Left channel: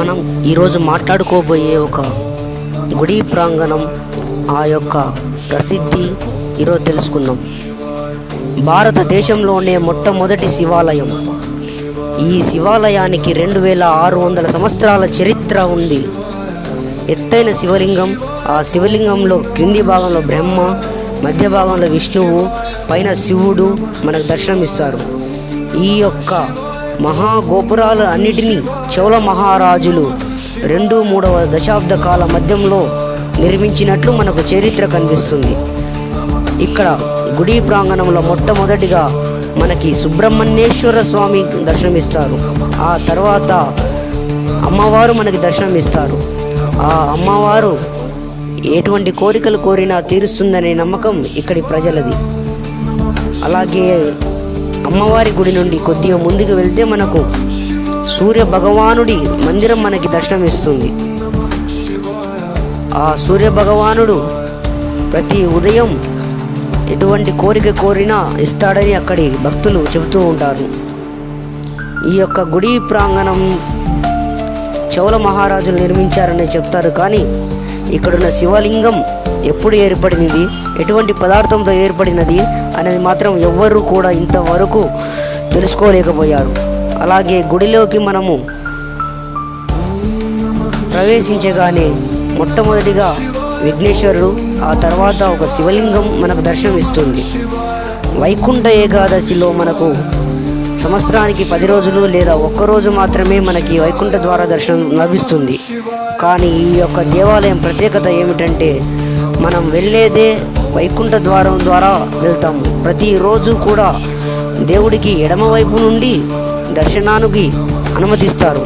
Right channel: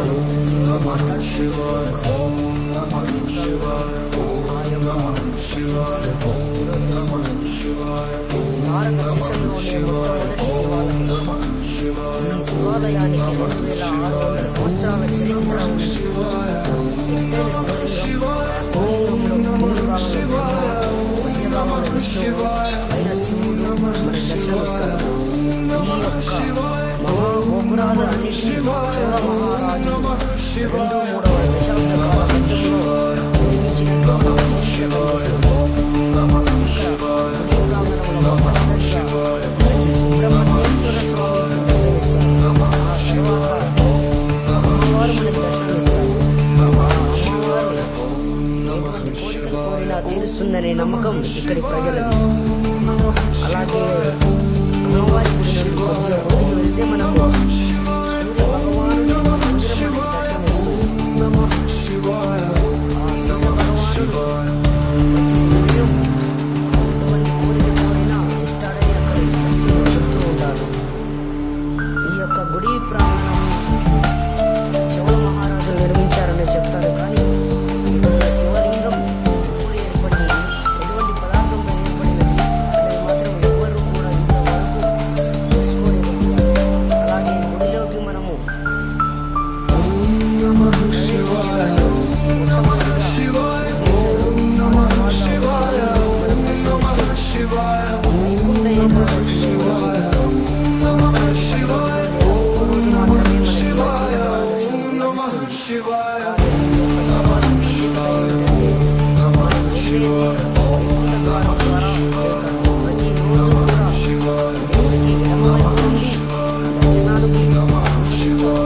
మనం ఈరోజు మాట్లాడుకోబోయే ఒక గుడి ప్రాంగణం, ఆ యొక్క ప్రసిద్ధి ఈరోజు తెలుసుకుందాం. భారతదేశంలోనే మొట్టమొదటి శివాలయం. ఈ శివాలయానికి 2600 సంవత్సరాల చరిత్ర ఉంది. ఎత్తైన శివలింగం, ఆ శివలింగంలో క్రింది భాగంలో బ్రహ్మ, మధ్య భాగంలో విష్ణువు, పైన శివుడు మనకు దర్శనమిస్తారు. ఈ యొక్క మహాగోపురాలు అన్నిటినీ చోళ మహారాజులు 2-3వ దశాబ్ద కాల మధ్యంలో నిర్మించినట్లు మనకు చరిత్ర కనిపిస్తుంది. ఇక్కడ గుడి ప్రాంగణంలో మొట్టమొదటిగా మనకి సుబ్రహ్మణ్యేశ్వర స్వామి దర్శనమిస్తారు. ఆ తర్వాత అమ్మవారు మనకి దర్శనమిస్తారు. ఆ అమ్మవారు ఎటువంటి కోరికలు కోరినా తీరుస్తుందనే నమ్మకం ఇక్కడి ప్రజలది. అలాగే అమ్మవారి గుడి నుండి కొద్దిగా ముందుకు వెళ్తే మనకు సూర్య భగవానుడి మందిరం మనకి దర్శనమిస్తుంది. ఆ సూర్య భగవానుడు ప్రతి ఉదయం ఎటువంటి కోరిక కోరినా ఇస్తాడని అక్కడి భక్తులు చెబుతూ ఉంటారు. ఈ యొక్క గుడి ప్రాంగణం చోళ మహారాజులు నిర్మించారని చెప్తారు. కానీ ఇక్కడున్న శివలింగం ఎప్పుడు ఏర్పడినది, ఎటువంటి పదార్థంతో ఏర్పడినది అనేది మాత్రం ఎవ్వరూ కూడా ఇంతవరకు తెలుసుకోలేకపోయారు. అలాగే గుడిలోకి మనము ప్రవేశించగానే మొట్టమొదటిగా విఘ్నేశ్వరుడు, ఆ తర్వాత ఒక శివలింగం మనకు దర్శనమిస్తుంది. వైకుంఠ ఏకాదశిలో మనకు సంవత్సరానికి 10 రోజులు లేదా ఒక్కరోజు మాత్రమే మనకి వైకుంఠ ద్వార దర్శనం లభిస్తుంది. కానీ ఈ యొక్క దేవాలయం ప్రత్యేకత ఏమిటంటే మనం వెళ్ళేదే వైకుంఠ ద్వారం ద్వారా వెళ్తాము. ప్రతిరోజు కూడా దేవుడికి ఎడమవైపు నుండి దర్శనానికి అనుమతిస్తారు.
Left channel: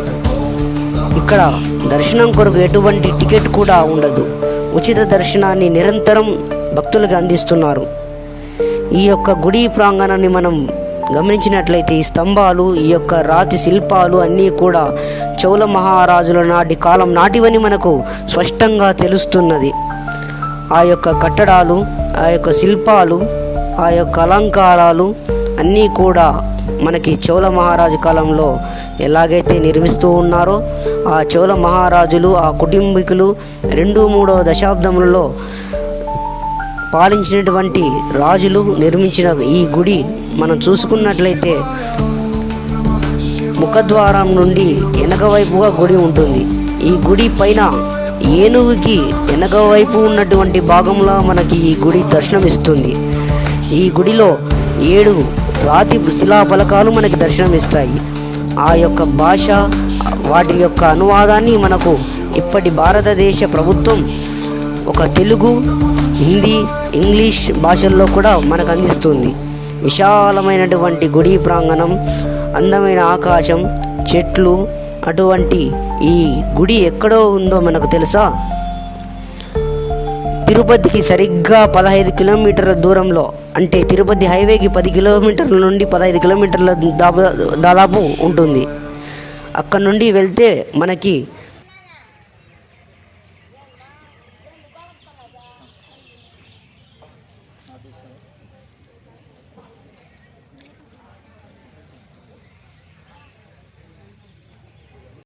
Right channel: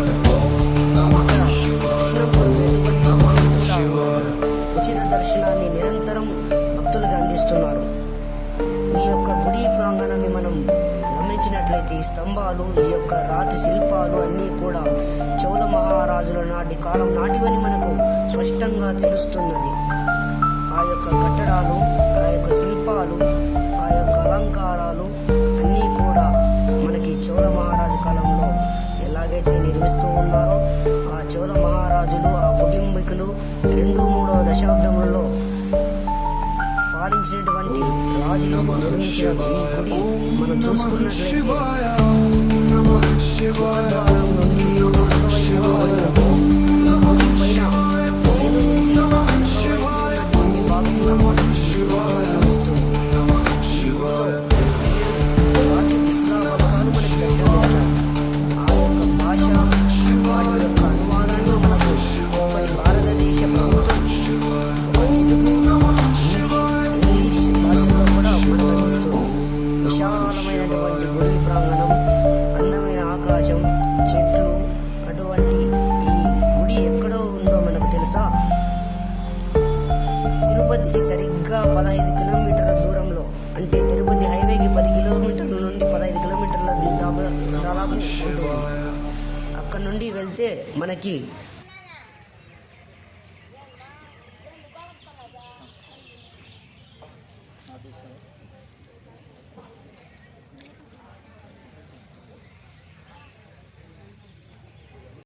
ఇక్కడ దర్శనం కొరకు ఎటువంటి టికెట్ కూడా ఉండదు. ఉచిత దర్శనాన్ని నిరంతరం భక్తులకు అందిస్తున్నారు. ఈ యొక్క గుడి ప్రాంగణాన్ని మనం గమనించినట్లయితే ఈ స్తంభాలు, ఈ యొక్క రాతి శిల్పాలు అన్నీ కూడా చోళ మహారాజుల నాటి కాలం నాటివని మనకు స్పష్టంగా తెలుస్తున్నది. ఆ యొక్క కట్టడాలు, ఆ యొక్క శిల్పాలు, ఆ యొక్క అలంకారాలు అన్నీ కూడా మనకి చోళ మహారాజు కాలంలో ఎలాగైతే నిర్మిస్తూ ఉన్నారో ఆ చోళ మహారాజులు, ఆ కుటుంబీకులు 2-3వ దశాబ్దములలో పాలించినటువంటి రాజులు నిర్మించిన ఈ గుడి మనం చూసుకున్నట్లయితే ముఖద్వారం నుండి వెనక వైపుగా గుడి ఉంటుంది. ఈ గుడి పైన ఏనుగుకి వెనక వైపు ఉన్నటువంటి భాగంలో మనకి ఈ గుడి దర్శనమిస్తుంది. ఈ గుడిలో 7 రాతి శిలా ఫలకాలు మనకి దర్శనమిస్తాయి. ఆ యొక్క భాష, వాటి యొక్క అనువాదాన్ని మనకు ఇప్పటి భారతదేశ ప్రభుత్వం ఒక తెలుగు, హిందీ, ఇంగ్లీష్ భాషల్లో కూడా మనకు అందిస్తుంది. విశాలమైనటువంటి గుడి ప్రాంగణం, అందమైన ఆకాశం, చెట్లు, అటువంటి ఈ గుడి ఎక్కడో ఉందో మనకు తెలుసా? తిరుపతికి సరిగ్గా 15 కిలోమీటర్ల దూరంలో, అంటే తిరుపతి హైవేకి 10 కిలోమీటర్ల నుండి 15 కిలోమీటర్ల దాదాపు ఉంటుంది. అక్కడ నుండి వెళ్తే మనకి